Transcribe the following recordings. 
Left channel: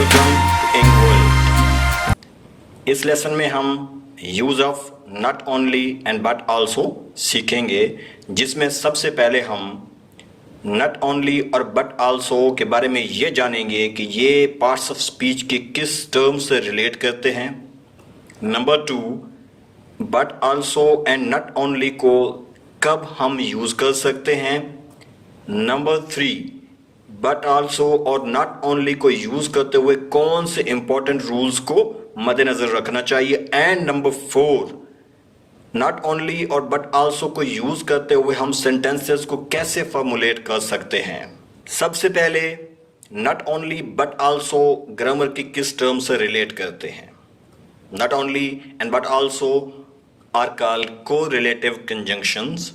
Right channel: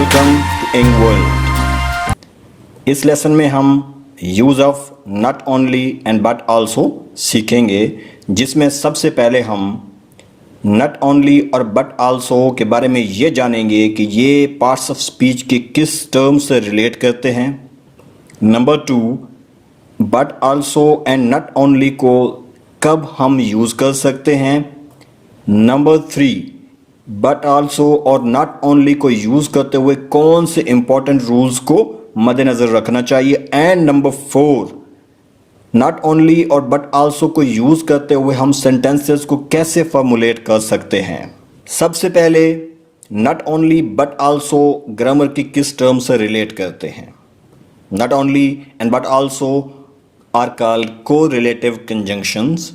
Welcome to in world. इस lesson में हम use of not only and but also सीखेंगे, जिसमें सबसे पहले हम नॉट ओनली और बट आल्सो के बारे में ये जानेंगे कि ये पार्ट्स ऑफ स्पीच के किस टर्म से रिलेट करते हैं। Number 2, but also and not only को कब हम यूज़ कर सकते हैं। नंबर 3, बट आल्सो और नॉट ओनली को यूज़ करते हुए कौन से इंपॉर्टेंट रूल्स को मद्देनज़र रखना चाहिए। एंड नंबर 4, नॉट ओनली और बट आल्सो को यूज़ करते हुए हम सेंटेंसेस को कैसे फॉर्मुलेट कर सकते हैं। सबसे पहले not only but also grammar की किस टर्म से रिलेट करते हैं। Not only and but also are called correlative conjunctions.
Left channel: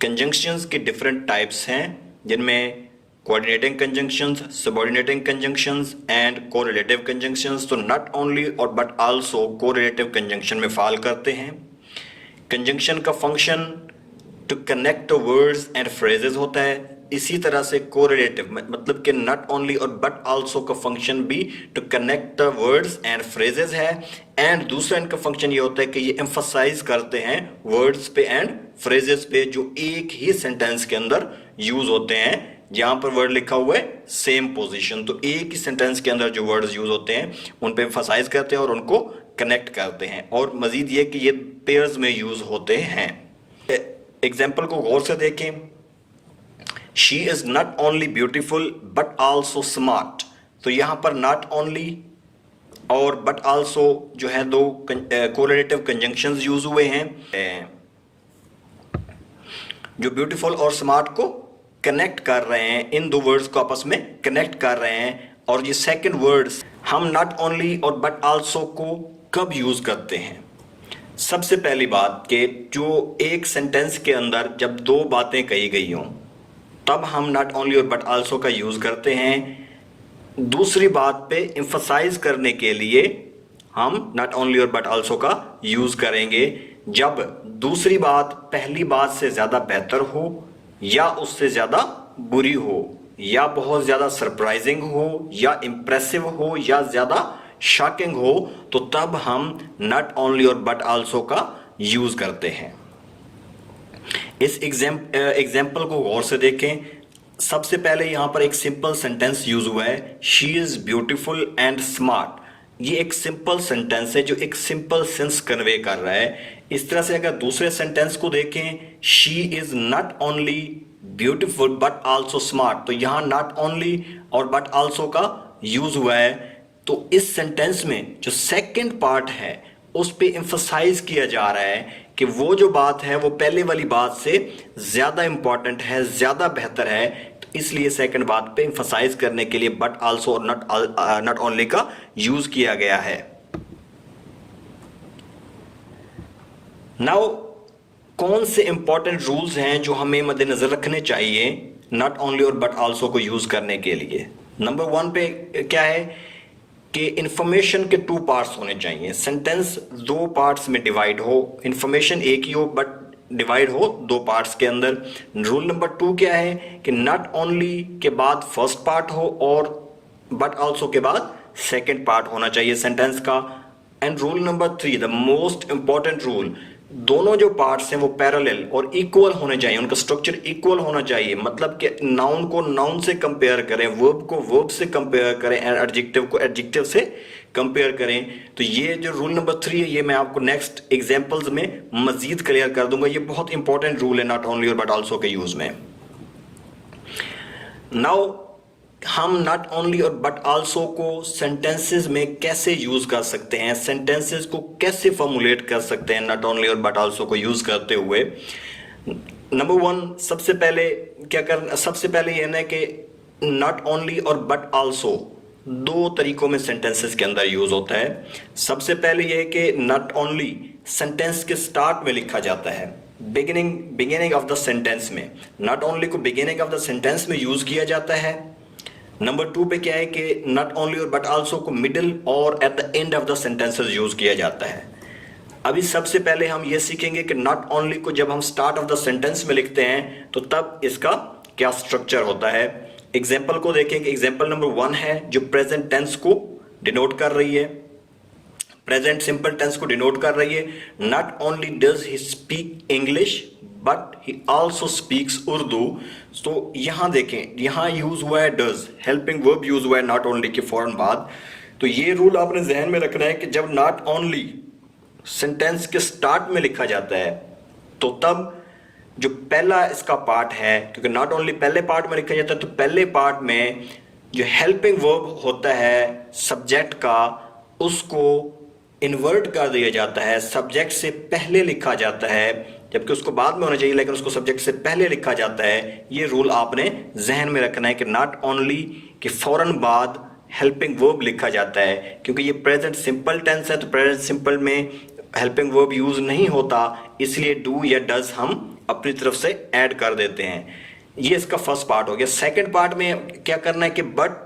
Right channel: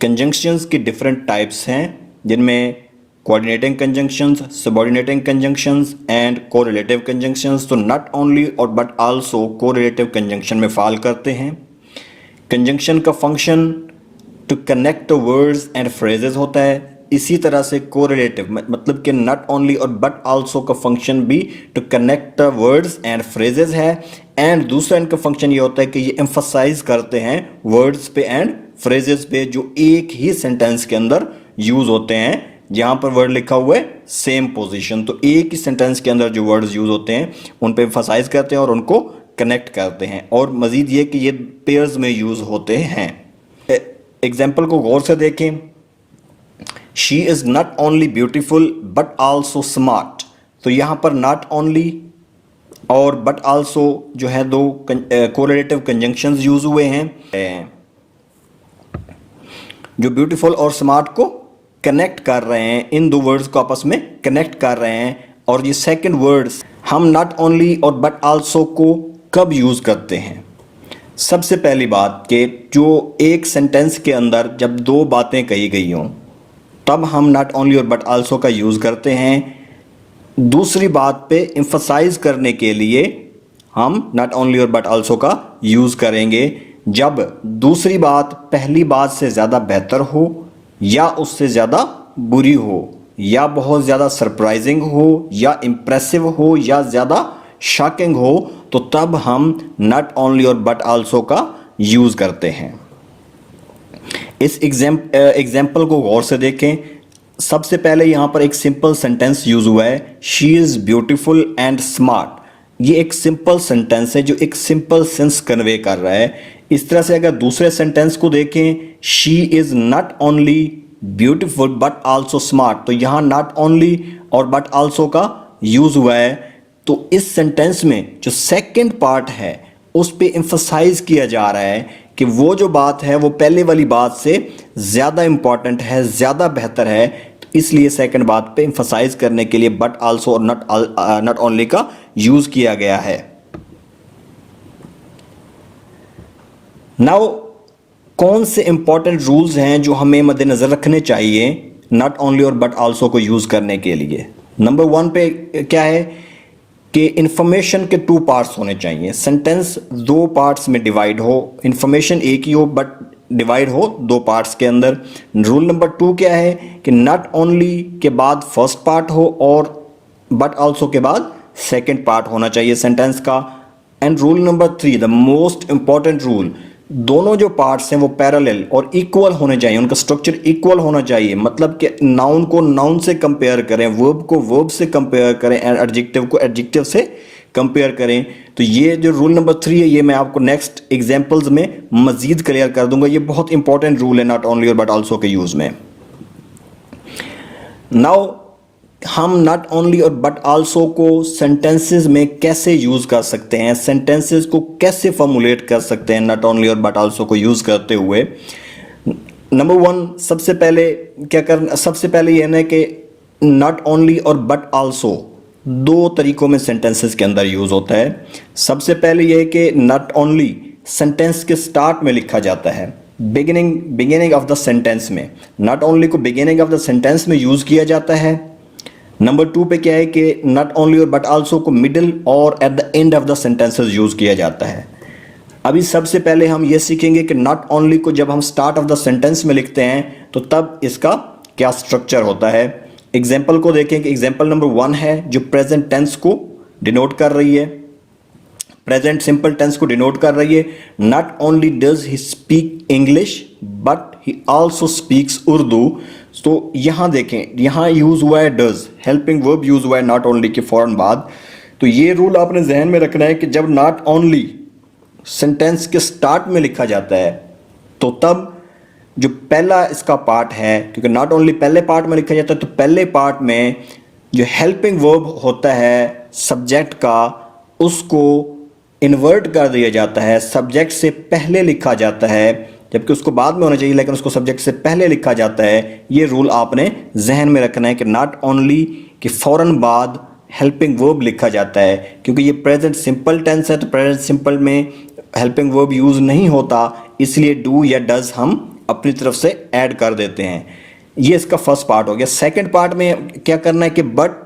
Conjunctions की डिफरेंट टाइप्स हैं, जिनमें coordinating conjunctions, subordinating conjunctions and correlative conjunctions. तो नॉट ओनली और बट आल्सो कोरिलेटिव कंजंक्शन में फॉल करते हैं। कंजंक्शन का function to connect words and phrases होता है। इसी तरह से कोरिलेटिव मतलब कि नॉट ओनली और बट आल्सो का फंक्शन भी to connect words and phrases है। एंड दूसरा इनका फंक्शन ये होता है कि ये एम्फसाइज करते हैं वर्ड्स पे एंड फ्रेजेस पे जो एक ही सेंटेंस के अंदर यूज होते हैं, जहां पर वर्ड लिखा हुआ है सेम पोजीशन। तो एक ही सेंटेंस के अंदर जो वर्ड्स यूज होते हैं उन पे एम्फसाइज करते हैं और उनको कनेक्ट करते हैं। और मजीद ये कि ये पेयर्स में यूज होते हैं। एग्जाम्पल को गौर से देखें। She is not only beautiful but also smart. तो यहां पर नॉट ओनली और बट आल्सो जो है दो कोरिलेटिव कंजंक्शंस यूज हुए हैं, जो ब्यूटीफुल और स्मार्ट को कनेक्ट कर रहे हैं, इन दो वर्ड्स को आपस में कनेक्ट कर रहे हैं। और ये सेकंड वर्ड्स हम नॉट ओनली और बट आल्सो को कब यूज करते हैं। सबसे पहली बात कि जो एक सेंटेंस के अंदर जब दो बातें कही गई हों तब हम नॉट ओनली और बट आल्सो का यूज करते हैं। दूसरी बात पे एम्फसाइज करने के लिए हम नॉट ओनली और बट आल्सो का यूज करेंगे जब दूसरी बात पहली बात से ज्यादा बेहतर हो या उससे ज़्यादा बुरी हो या बहुत ज़्यादा सरप्राइजिंग हो या इम्प्रेसिव हो या ज़्यादा शॉकिंग हो, तो तब हम नॉट ओनली और बट आल्सो का यूज़ करते हैं। इस एग्जाम्पल को गौर से देखें। सबसे पहले यहाँ पर एक सिंपल सेंटेंस यूज हुआ है, she is beautiful and smart. ये एक सिंपल सेंटेंस है जो एक सिंपल सेंस कन्वे कर रहा है। इस तरह से अगर दूसरे सेंटेंस को देखें, she is not only beautiful but also smart, तो यहां नॉट ओनली और बट आल्सो का यूज हुआ है। तो इस सेंटेंस में जो सेकंड पार्ट है उस पे एम्फसाइज किया जा रहा है कि वो जो बात है वो पहले वाली बात से ज्यादा इंपॉर्टेंट है, ज्यादा बेहतर है। तो इसलिए सेकंड बात पे एम्फसाइज करने के लिए बट आल्सो और नॉट ओनली का यूज किया गया है। नाउ कौन से इंपॉर्टेंट रूल्स हैं जो हमें मद्देनजर रखने चाहिए नॉट ओनली और बट आल्सो को यूज करने के लिए। नंबर 1 पे क्या है कि इंफॉर्मेशन के 2 पार्ट्स होने चाहिए। सेंटेंस 2 पार्ट्स में डिवाइड हो, इंफॉर्मेशन एक ही हो बट डिवाइड हो 2 पार्ट्स के अंदर। रूल नंबर 2 क्या है कि नॉट ओनली के बाद फर्स्ट पार्ट हो और बट आल्सो के बाद सेकेंड पार्ट होना चाहिए सेंटेंस का। And rule number 3, the most important rule, दोनों जो पार्ट्स हैं वो पैरेलल और इक्वल होने चाहिए, उनका स्ट्रक्चर इक्वल होना चाहिए। मतलब कि नाउन को नाउन से कंपेयर करें, वर्ब को वर्ब से कंपेयर करें एंड एडजेक्टिव को एडजेक्टिव से कंपेयर करें। तो ये जो रूल नंबर 3 है ये मैं आपको नेक्स्ट एग्जांपल्स में मजीद क्लियर कर दूंगा। ये बहुत इंपॉर्टेंट रूल है नॉट ओनली और बट आल्सो के यूज में। नाउ हम नॉट ओनली और बट आल्सो को सेंटेंसेस में कैसे यूज कर सकते हैं, सेंटेंसेस को कैसे फॉर्मुलेट कर सकते हैं नॉट ओनली और बट आल्सो को यूज करते हुए। नंबर 1, सबसे पहले क्या करना, सबसे पहले यह है कि नॉट ओनली और बट आल्सो 2 तरीकों में सेंटेंसेस के अंदर यूज होता है। सबसे पहले यह है कि नॉट ओनली सेंटेंस के स्टार्ट में लिखा जाता है, बिगिनिंग ऑफ द सेंटेंस में। नॉट ओनली को बिगिनिंग ऑफ द सेंटेंस में यूज किया जाता है। नंबर 2 पे क्या है कि नॉट ओनली और बट आल्सो को मिडिल और at the end of the sentences use किया जाता है। अभी सबसे पहले हम ये सीखेंगे कि नॉट ओनली को जब हम स्टार्ट ऑफ द सेंटेंस में लिखते हैं तो तब इसका क्या स्ट्रक्चर होता है। एग्जाम्पल को देखें कि एग्जाम्पल नंबर 1 है जो प्रेजेंट टेंस को डिनोट कर रही है, प्रेजेंट सिंपल टेंस को डिनोट कर रही है। Not only does he speak English but he also speaks Urdu. तो यहां देखें, यहां यूज हुआ है डज, हेल्पिंग वर्ब यूज हुआ है नॉट ओनली के फौरन बाद। तो ये रूल आपने जहन में रखना है कि जब नॉट ओनली सेंटेंस के स्टार्ट में लिखा जाता है तो तब जो पहला इसका पार्ट है, क्योंकि नॉट ओनली पहले पार्ट में लिखा जाता है, तो पहले पार्ट में जो हेल्पिंग वर्ब होता है सब्जेक्ट का, उसको इन्वर्ट कर दिया जाता है, सब्जेक्ट से पहले लिखा जाता है, जबकि उसको बाद में होना चाहिए लेकिन उसको सब्जेक्ट से पहले लिखा जाता है। ये रूल आपने जहन में रखना है कि नॉट ओनली के फौरन बाद हेल्पिंग वर्ब लिखा जाता है। क्योंकि ये प्रेजेंट सिंपल टेंस है तो प्रेजेंट सिंपल में हेल्पिंग वर्ब यूज नहीं होता, इसलिए डू या डज हम अपनी तरफ से ऐड कर देते हैं। ये इसका फर्स्ट पार्ट हो गया। सेकंड पार्ट में क्या करना है कि बट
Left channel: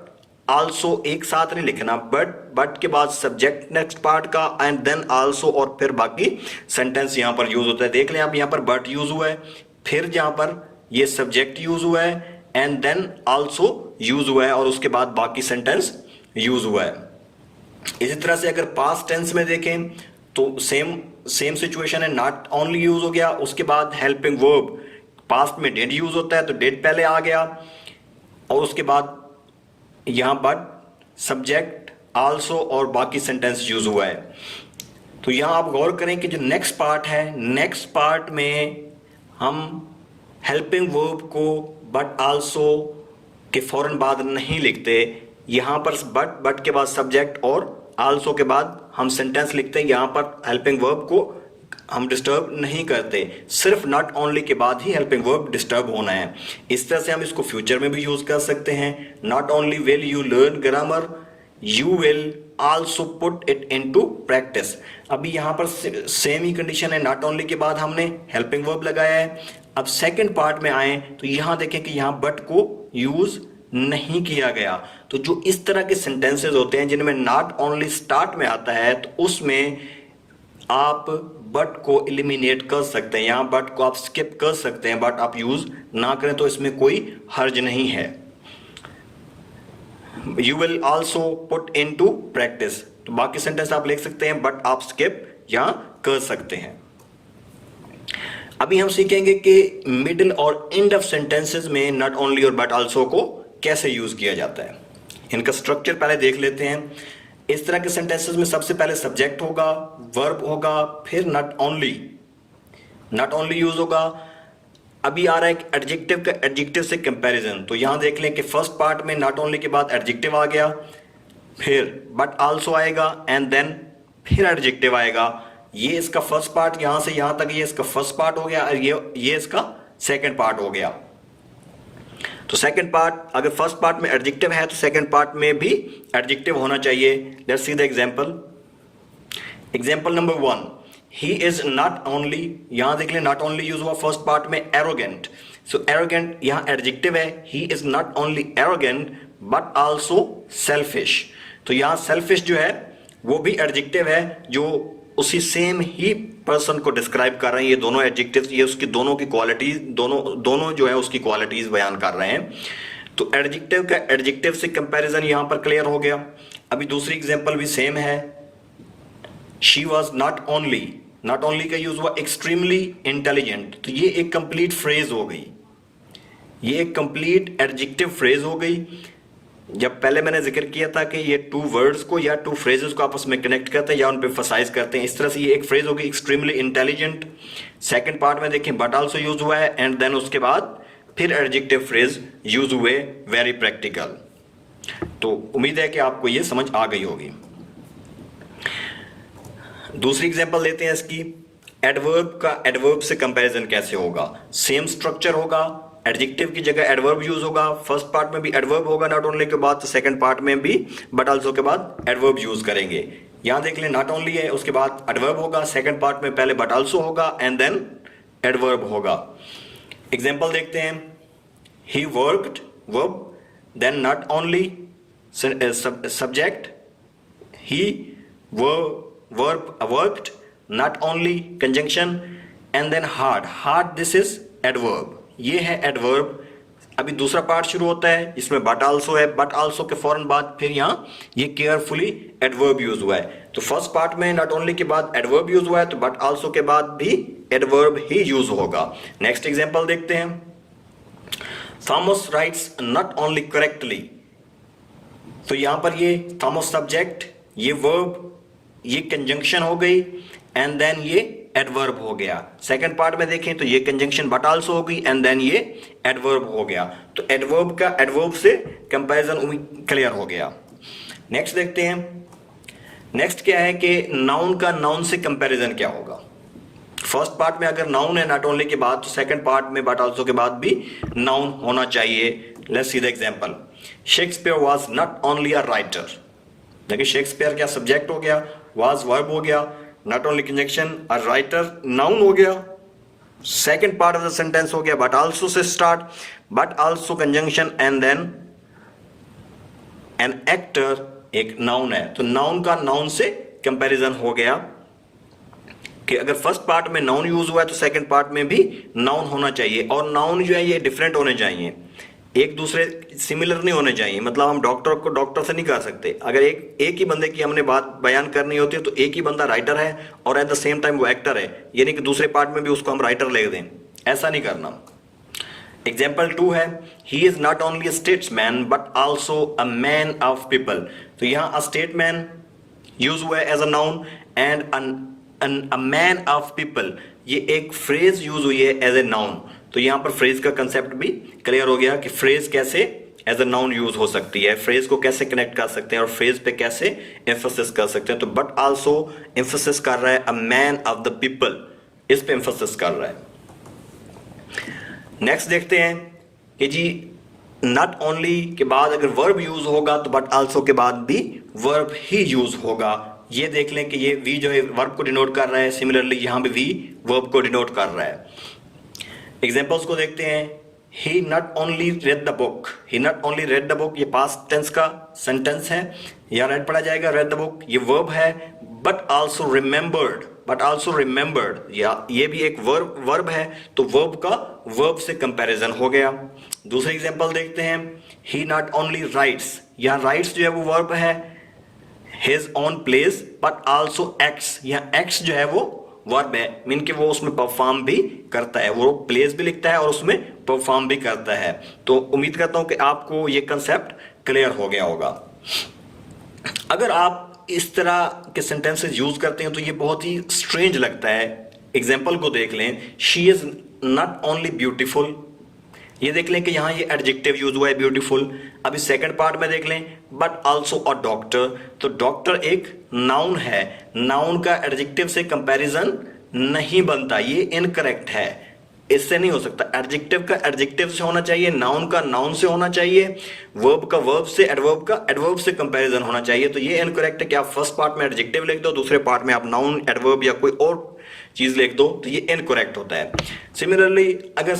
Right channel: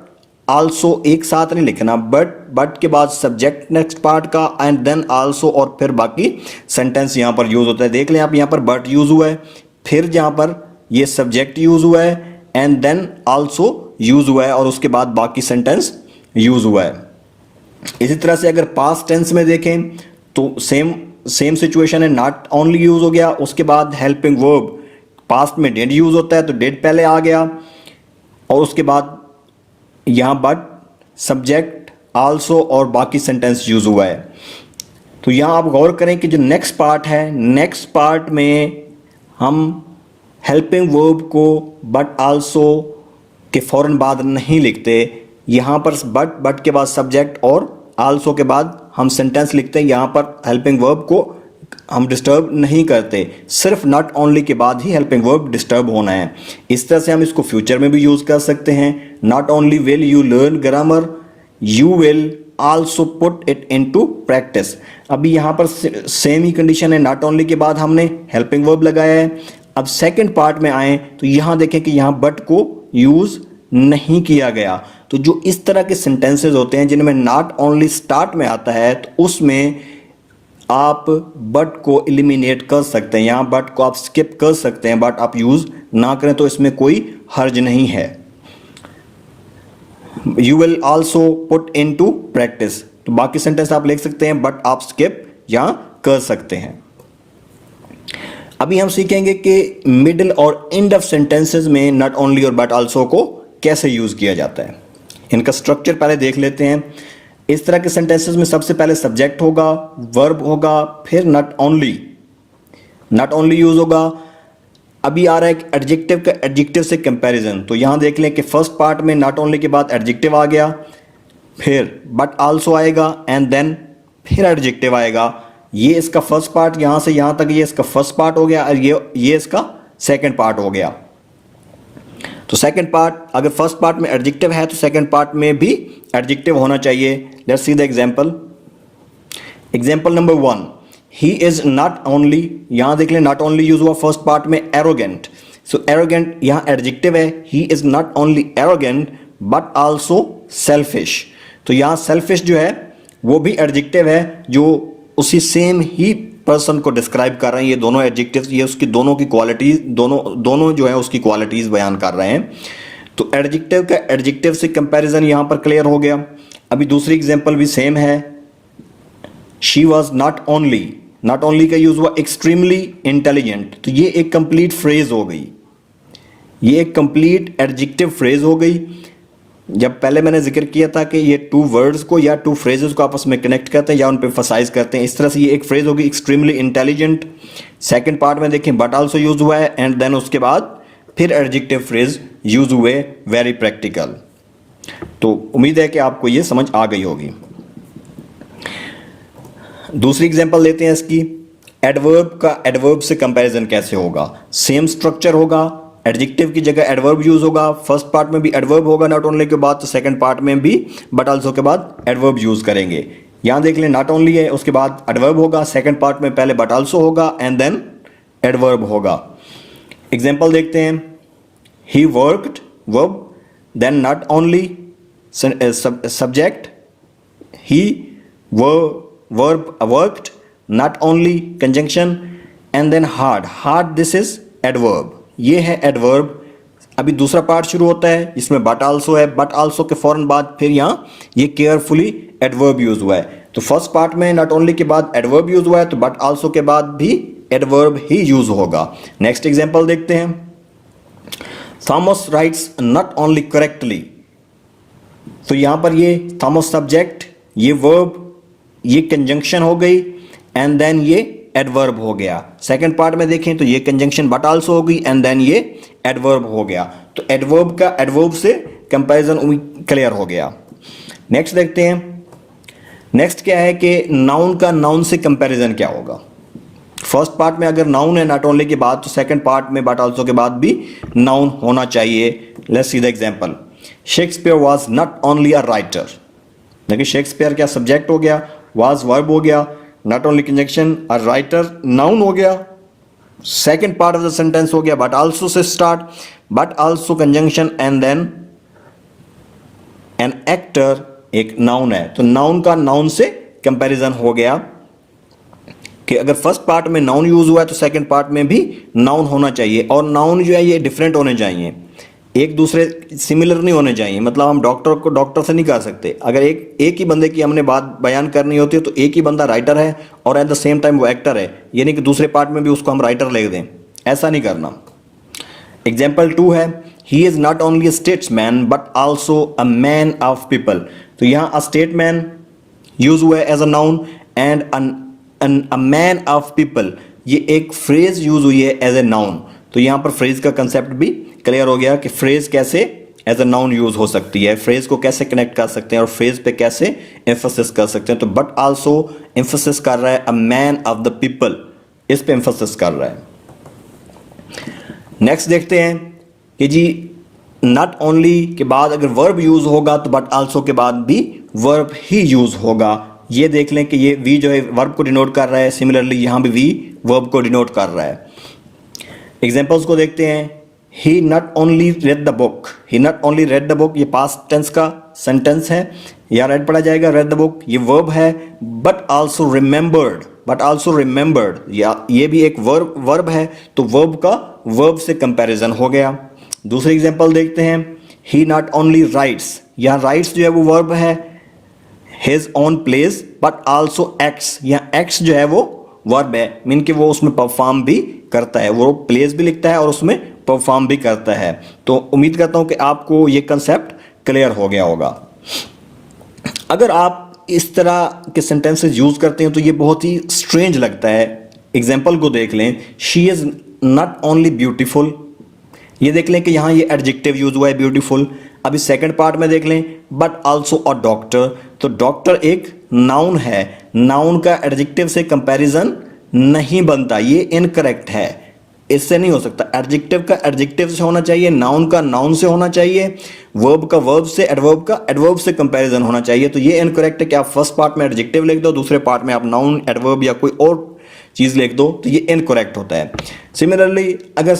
आल्सो एक साथ नहीं लिखना, बट के बाद सब्जेक्ट नेक्स्ट पार्ट का एंड देन आल्सो, और फिर बाकी सेंटेंस यहां पर यूज होता है। देख लें आप, यहां पर बट यूज हुआ है, फिर जहां पर ये सब्जेक्ट यूज हुआ है एंड देन आल्सो यूज हुआ है, और उसके बाद बाकी सेंटेंस यूज हुआ है। इसी तरह से अगर पास्ट टेंस में देखें तो सेम सिचुएशन है, नॉट ओनली यूज हो गया, उसके बाद हेल्पिंग वर्ब पास्ट में डिड यूज होता है तो डिड पहले आ गया, और उसके बाद यहां बट सब्जेक्ट आल्सो और बाकी सेंटेंस यूज हुआ है। तो यहां आप गौर करें कि जो नेक्स्ट पार्ट है, नेक्स्ट पार्ट में हम हेल्पिंग वर्ब को बट आल्सो के फौरन बाद नहीं लिखते, यहां पर बट के बाद सब्जेक्ट और आल्सो के बाद हम सेंटेंस लिखते हैं। यहां पर हेल्पिंग वर्ब को हम डिस्टर्ब नहीं करते, सिर्फ नॉट ओनली के बाद ही हेल्पिंग वर्ब डिस्टर्ब होना है। इस तरह से हम इसको फ्यूचर में भी यूज कर सकते हैं। Not only will you learn grammar, you will also put it into practice. अभी यहां पर सेम ही कंडीशन है, नॉट ओनली के बाद हमने हेल्पिंग वर्ब लगाया है। अब सेकंड पार्ट में आए तो यहां देखें कि यहां बट को यूज नहीं किया गया। तो जो इस तरह के सेंटेंसेस होते हैं जिनमें नॉट ओनली स्टार्ट में आता है, तो उसमें आप बट को एलिमिनेट कर सकते हैं, यहां बट को आप स्किप कर सकते हैं, बट आप यूज ना करें तो इसमें कोई हर्ज नहीं है। You will also put into practice, तो बाकी सेंटेंस आप लिख सकते हैं, बट आप स्किप यहां कर सकते हैं। अभी हम सीखेंगे कि मिडिल और एंड ऑफ सेंटेंसेस में नॉट ओनली और बट आल्सो को कैसे यूज किया जाता है। इनका स्ट्रक्चर पहले देख लेते हैं। इस तरह के सेंटेंसेस में सबसे पहले सब्जेक्ट होगा, वर्ब होगा, फिर नॉट ओनली यूज होगा। अभी आ रहा है एडजेक्टिव का, एडजेक्टिव से कंपैरिजन। तो यहां देख लें कि फर्स्ट पार्ट में नॉट ओनली के बाद एडजेक्टिव आ गया, फिर बट आल्सो आएगा एंड देन फिर एडजेक्टिव आएगा। ये इसका फर्स्ट पार्ट, यहां से यहां तक ये इसका फर्स्ट पार्ट हो गया, और ये इसका सेकंड पार्ट हो गया। तो सेकंड पार्ट, अगर फर्स्ट पार्ट में एडजेक्टिव है तो सेकंड पार्ट में भी एडजेक्टिव होना चाहिए। Let's see the example. Example number 1, he is not only, यहां देख लें नॉट ओनली यूज हुआ फर्स्ट पार्ट में एरोगेंट। सो एरोगेंट यहां एडजेक्टिव है, he is not only arrogant but also selfish. तो यहां सेल्फिश जो है वो भी एडजेक्टिव है, जो उसी सेम ही पर्सन को डिस्क्राइब कर रहे हैं। ये दोनों एडजेक्टिव, ये उसकी दोनों की क्वालिटी, दोनों जो है उसकी क्वालिटीज बयान कर रहे हैं। तो एडजेक्टिव का एडजेक्टिव से कंपैरिजन यहां पर क्लियर हो गया। अभी दूसरी एग्जांपल भी सेम है, शी वॉज नॉट ओनली का यूज हुआ एक्सट्रीमली इंटेलिजेंट। तो ये एक कंप्लीट फ्रेज हो गई, ये एक कंप्लीट एडजेक्टिव फ्रेज हो गई। जब पहले मैंने जिक्र किया था कि ये टू वर्ड्स को या टू फ्रेजेस को आपस में कनेक्ट करते हैं या उन पे एम्फसाइज करते हैं, इस तरह से ये एक फ्रेज होगी एक्सट्रीमली इंटेलिजेंट। सेकंड पार्ट में देखें बट आल्सो यूज हुआ है एंड देन उसके बाद फिर एडजेक्टिव फ्रेज यूज हुए, वेरी प्रैक्टिकल। तो उम्मीद है कि आपको ये समझ आ गई होगी। दूसरी एग्जांपल लेते हैं इसकी। एडवर्ब का एडवर्ब से कंपैरिजन कैसे होगा। सेम स्ट्रक्चर होगा, एडजेक्टिव की जगह एडवर्ब यूज होगा। फर्स्ट पार्ट में भी एडवर्ब होगा नॉट ओनली के बाद, तो सेकंड पार्ट में भी बट आल्सो के बाद एडवर्ब यूज करेंगे। यहां देख लें नॉट ओनली है, उसके बाद एडवर्ब होगा, सेकंड पार्ट में पहले बट आल्सो होगा एंड देन एडवर्ब होगा। एग्जांपल देखते हैं। He worked verb, then not only subject, he verb worked, not only conjunction and then hard, this is adverb. ये है एडवर्ब। अभी दूसरा पार्ट शुरू होता है, इसमें बट आल्सो है, बट आल्सो के फौरन बाद फिर यहाँ ये केयरफुली एडवर्ब यूज हुआ है। तो फर्स्ट पार्ट में नॉट ओनली के बाद एडवर्ब यूज हुआ है, तो बट आल्सो के बाद भी एडवर्ब ही यूज होगा। नेक्स्ट एग्जांपल देखते हैं। Thomas rights not only correctly, तो यहां पर ये थॉमस सब्जेक्ट, ये वर्ब, ये कंजंक्शन हो गई एंड देन ये एडवर्ब हो गया। सेकंड पार्ट में देखें तो ये कंजंक्शन बट आल्सो हो गई एंड देन ये एडवर्ब हो गया। तो एडवर्ब का एडवर्ब से कंपैरिजन क्लियर हो गया। नेक्स्ट देखते हैं। नेक्स्ट क्या है कि नाउन का नाउन से कंपैरिजन क्या होगा। फर्स्ट पार्ट में अगर नाउन है नॉट ओनली के बाद, तो सेकंड पार्ट में बट आल्सो के बाद भी नाउन होना चाहिए। Let's see the example. Shakespeare was not only a writer. देखिए शेक्सपियर क्या सब्जेक्ट हो गया, वाज वर्ब हो गया, not only conjunction, a writer noun हो गया, second part of the sentence हो गया बट आल्सो से start, but also conjunction and then an actor एक नाउन है। तो नाउन का नाउन से कंपैरिजन हो गया कि अगर फर्स्ट पार्ट में नाउन यूज हुआ है तो सेकंड पार्ट में भी नाउन होना चाहिए। और नाउन जो है ये डिफरेंट होने चाहिए, एक दूसरे सिमिलर नहीं होने चाहिए। मतलब हम डॉक्टर को डॉक्टर से नहीं कह सकते। अगर एक ही बंदे की हमने बात बयान करनी होती है तो एक ही बंदा राइटर है और एट द सेम टाइम वो एक्टर है, यानी कि दूसरे पार्ट में भी उसको हम राइटर ले दें, ऐसा नहीं करना। एग्जाम्पल 2 है, he is not only a statesman but also a man of people. तो यहाँ अ स्टेटमैन यूज हुआ है as a noun and a man of people ये एक फ्रेज यूज हुई है एज ए नाउन। तो यहाँ पर फ्रेज का कंसेप्ट भी क्लियर हो गया कि फ्रेज कैसे एज अ नाउन यूज हो सकती है, फ्रेज को कैसे कनेक्ट कर सकते हैं और फ्रेज पे कैसे एम्फेसिस कर सकते हैं। तो बट आल्सो एम्फेसिस कर रहा है अ मैन ऑफ द पीपल, इस पे एम्फेसिस कर रहा है। नेक्स्ट देखते हैं कि जी नॉट ओनली के बाद अगर वर्ब यूज होगा तो बट आल्सो के बाद भी वर्ब ही यूज होगा। ये देख लें कि ये वी जो है वर्ब को डिनोट कर रहा है, सिमिलरली यहां भी वी वर्ब को डिनोट कर रहा है। एग्जाम्पल्स को देखते हैं। He not only read the book, he not only read the book ये पास्ट टेंस का सेंटेंस है, या रेड पढ़ा जाएगा रेड द बुक, ये वर्ब है। But also remembered, but also remembered या ये भी एक वर्ब है, तो वर्ब का वर्ब से कंपैरिजन हो गया। दूसरी एग्जांपल देखते हैं। ही नॉट ओनली राइट्स, यहाँ राइट्स जो है वो वर्ब है, his own place but also acts, यहाँ एक्ट्स जो है वो वर्ब है, मीन कि वो उसमें परफॉर्म भी करता है, वो प्लेस भी लिखता है और उसमें परफॉर्म भी करता है। तो उम्मीद करता हूं कि आपको ये कंसेप्ट क्लियर हो गया होगा। अगर आप इस तरह के सेंटेंसेस यूज करते हैं तो ये बहुत ही स्ट्रेंज लगता है। एग्जाम्पल को देख लें। She is not only beautiful, ये देख लें कि यहाँ ये एडजेक्टिव यूज हुआ है ब्यूटीफुल। अभी सेकंड पार्ट में देख लें बट आल्सो अ डॉक्टर, तो डॉक्टर एक नाउन है, नाउन का एडजेक्टिव से कंपैरिजन नहीं बनता, ये इनकरेक्ट है, इससे नहीं हो सकता। एडजेक्टिव का एडजेक्टिव से होना चाहिए, नाउन का नाउन से होना चाहिए, वर्ब का वर्ब से, एडवर्ब का एडवर्ब से कंपैरिजन होना चाहिए। तो ये इनकरेक्ट है कि आप फर्स्ट पार्ट में एडजेक्टिव लिख दो, दूसरे पार्ट में आप नाउन, एडवर्ब या कोई और चीज लिख दो, तो ये इनकरेक्ट होता है। सिमिलरली अगर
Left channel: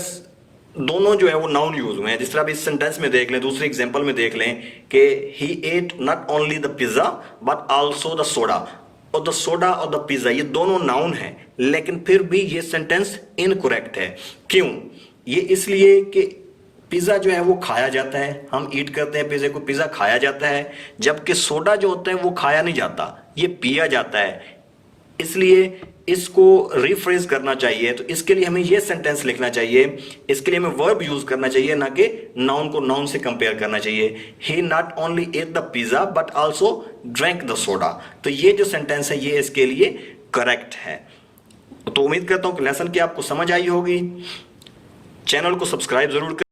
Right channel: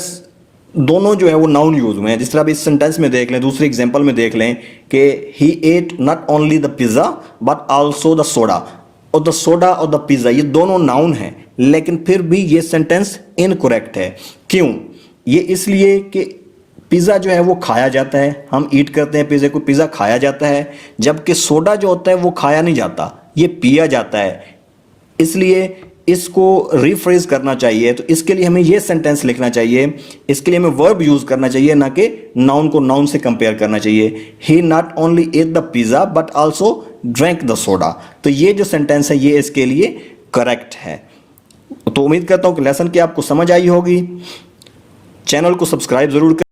दोनों जो है वो नाउन यूज हुए हैं, जिस तरह आप इस सेंटेंस में देख लें, दूसरे एग्जांपल में देख लें कि he ate not only the pizza but also the soda, और द सोडा और द पिज्जा ये दोनों नाउन हैं, लेकिन फिर भी ये सेंटेंस इनकरेक्ट है। क्यों? ये इसलिए कि पिज्जा जो है वो खाया जाता है, हम ईट करते हैं पिज्जा को, पिज्जा खाया जाता है, जबकि सोडा जो होता है वो खाया नहीं जाता, ये पिया जाता है। इसलिए इसको रिफ्रेज करना चाहिए, तो इसके लिए हमें ये सेंटेंस लिखना चाहिए, इसके लिए हमें वर्ब यूज करना चाहिए, ना कि नाउन को नाउन से कंपेयर करना चाहिए। He not only ate the pizza but also drank the soda, तो ये जो सेंटेंस है ये इसके लिए करेक्ट है। तो उम्मीद करता हूं कि लेसन की आपको समझ आई होगी। चैनल को सब्सक्राइब जरूर करें।